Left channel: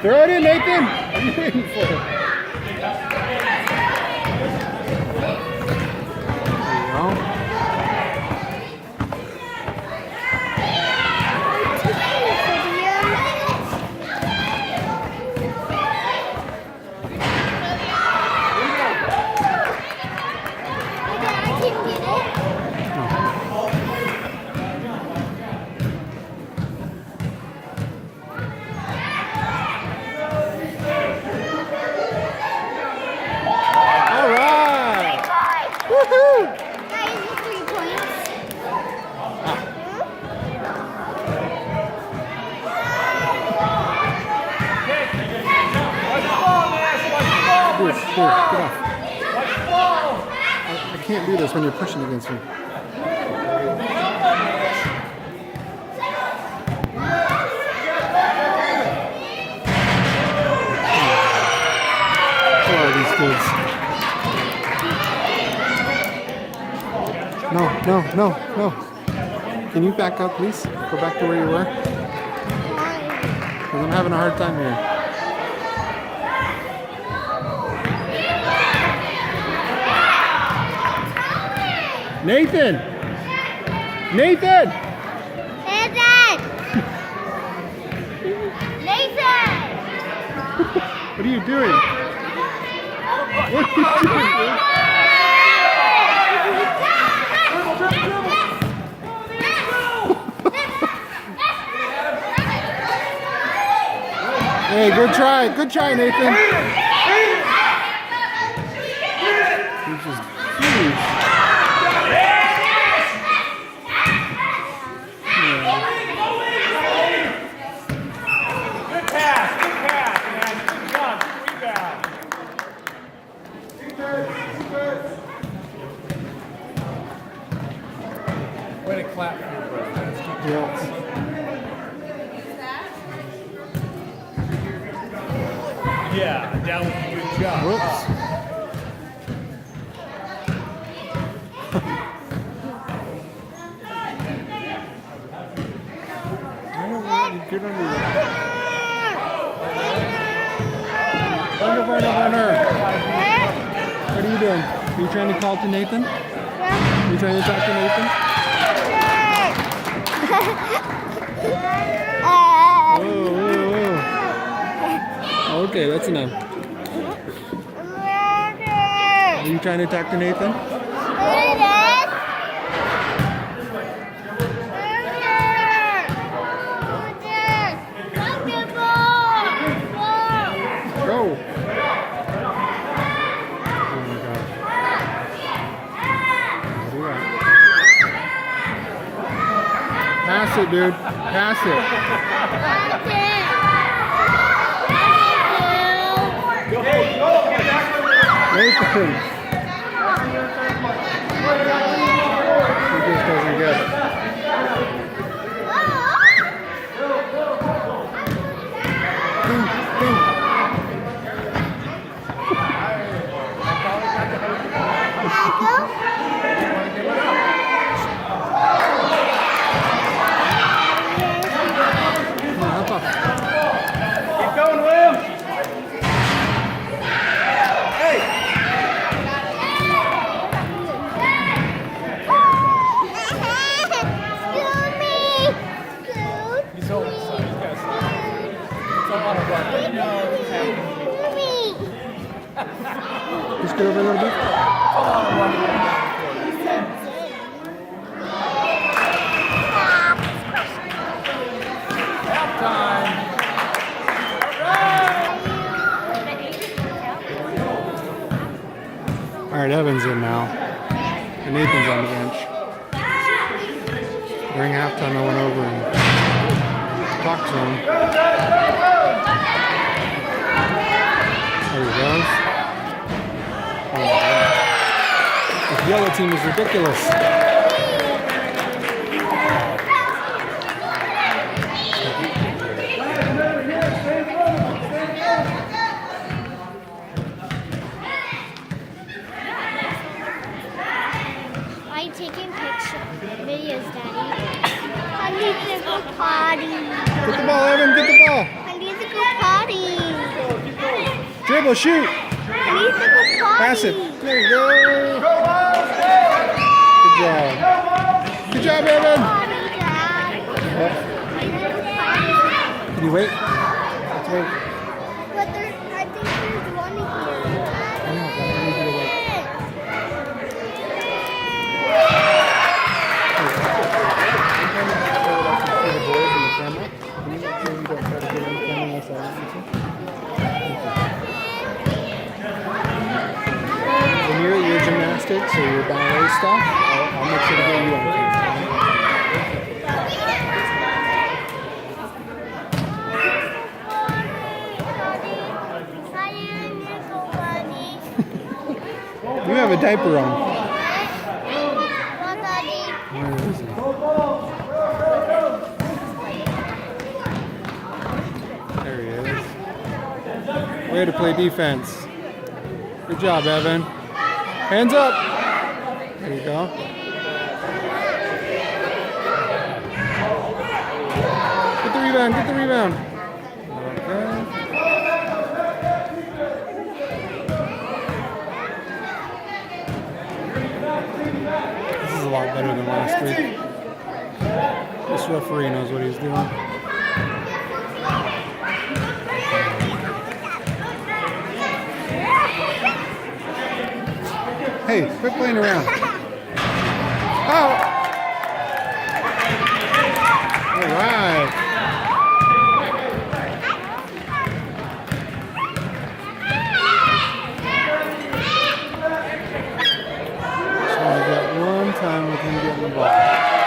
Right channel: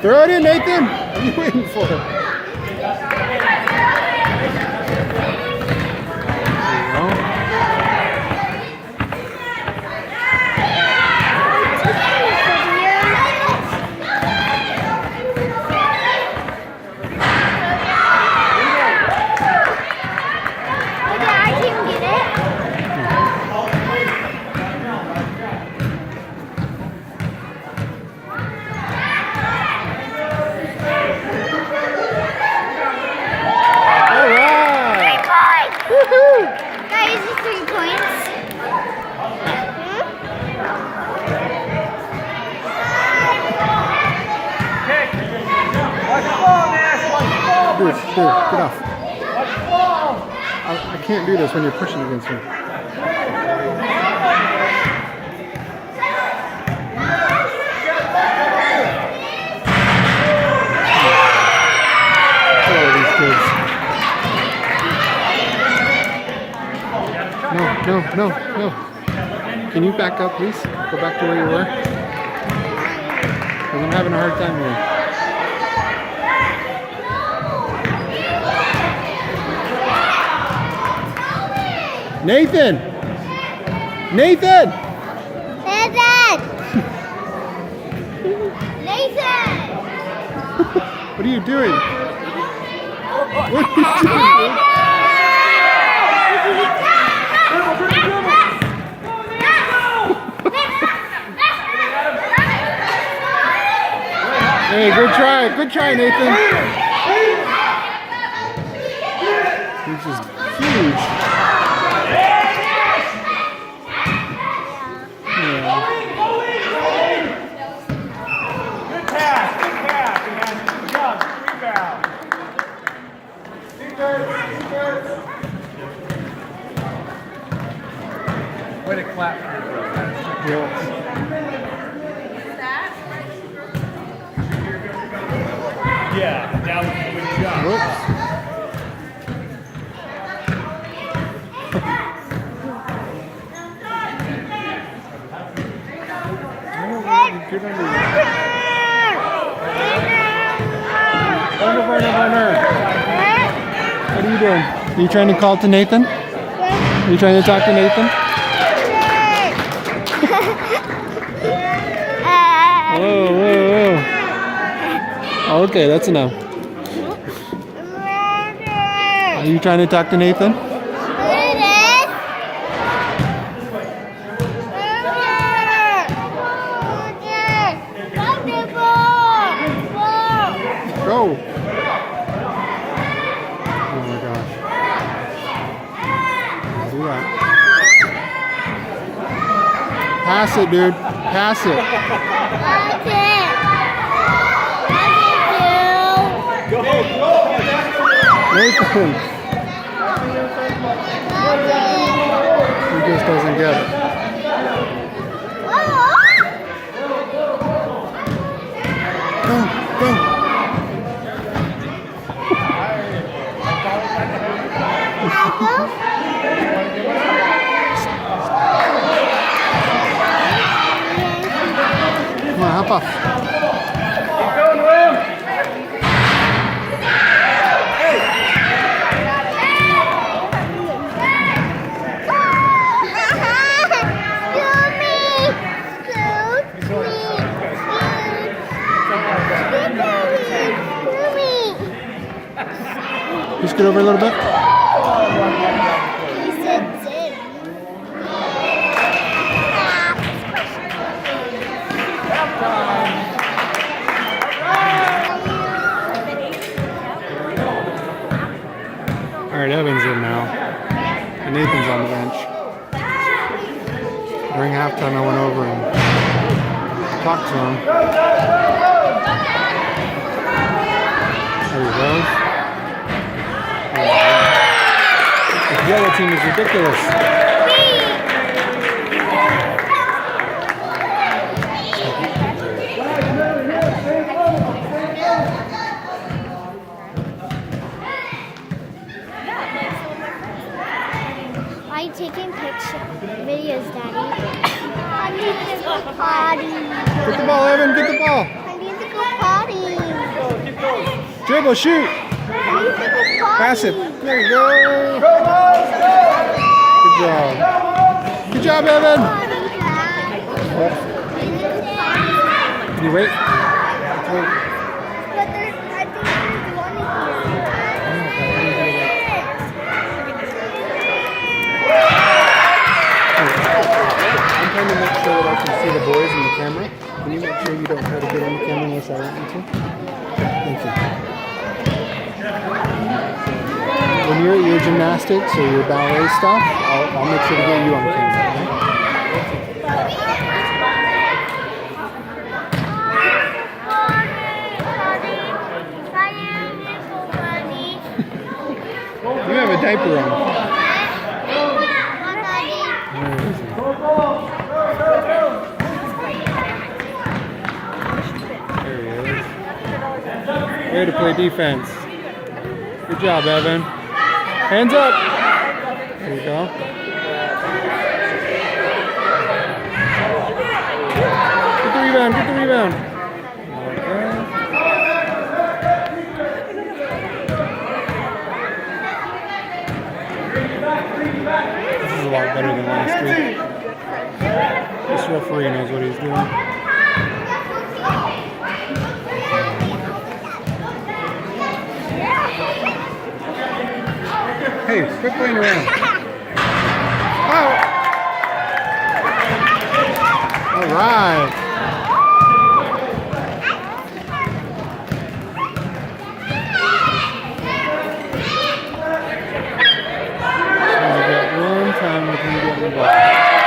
Throw it in, Nathan. What are you waiting for? There you go. Dude, get off. I can't do this when you're pushing against me. Hello, these kids. No. Can you back up, please? Go back to where you were. Because I'm having a hard time here. Nathan! Nathan! What are you doing? What are you doing, dude? Hey, good try, Nathan. He's just huge. Way to clap for your brother. Yeah, that was a good job. Whoops. Get under there. Burner. What are you doing? Are you trying to call to Nathan? Are you trying to talk to Nathan? Whoa. Okay, that's enough. Are you trying to talk to Nathan? Go! Oh my gosh. Don't do that. Pass it, dude. Pass it. Nathan. He just doesn't get it. Go. Come on, hop up. Keep going, William. Just get over a little bit. All right, Evan's in now, and Nathan's on the bench. During halftime, I went over and talked to him. There he goes. The yellow team is ridiculous. Are you taking videos, Daddy? I need to go potty. Get the ball, Evan, get the ball. I need to go potty. Dribble, shoot. Pass it. There you go. Good job. Good job, Evan. What? Can you wait? Let's wait. I know, but I need you to wait. I'm trying to make sure that I can see the boys in the camera. Can you make sure you don't try to get in the camera unless I want you to? Thank you. When you're at your gymnastics or your ballet stuff, I'll make sure to get you on camera. You have a diaper on. Where is he? There he is. Way to play defense. Good job, Evan. Hands up. There you go. Get the rebound. Get the rebound. Okay. This is a lot better than last week. This referee knows what he's doing. Hey, quit playing around. Oh! All right. So we got one time with him getting the ball.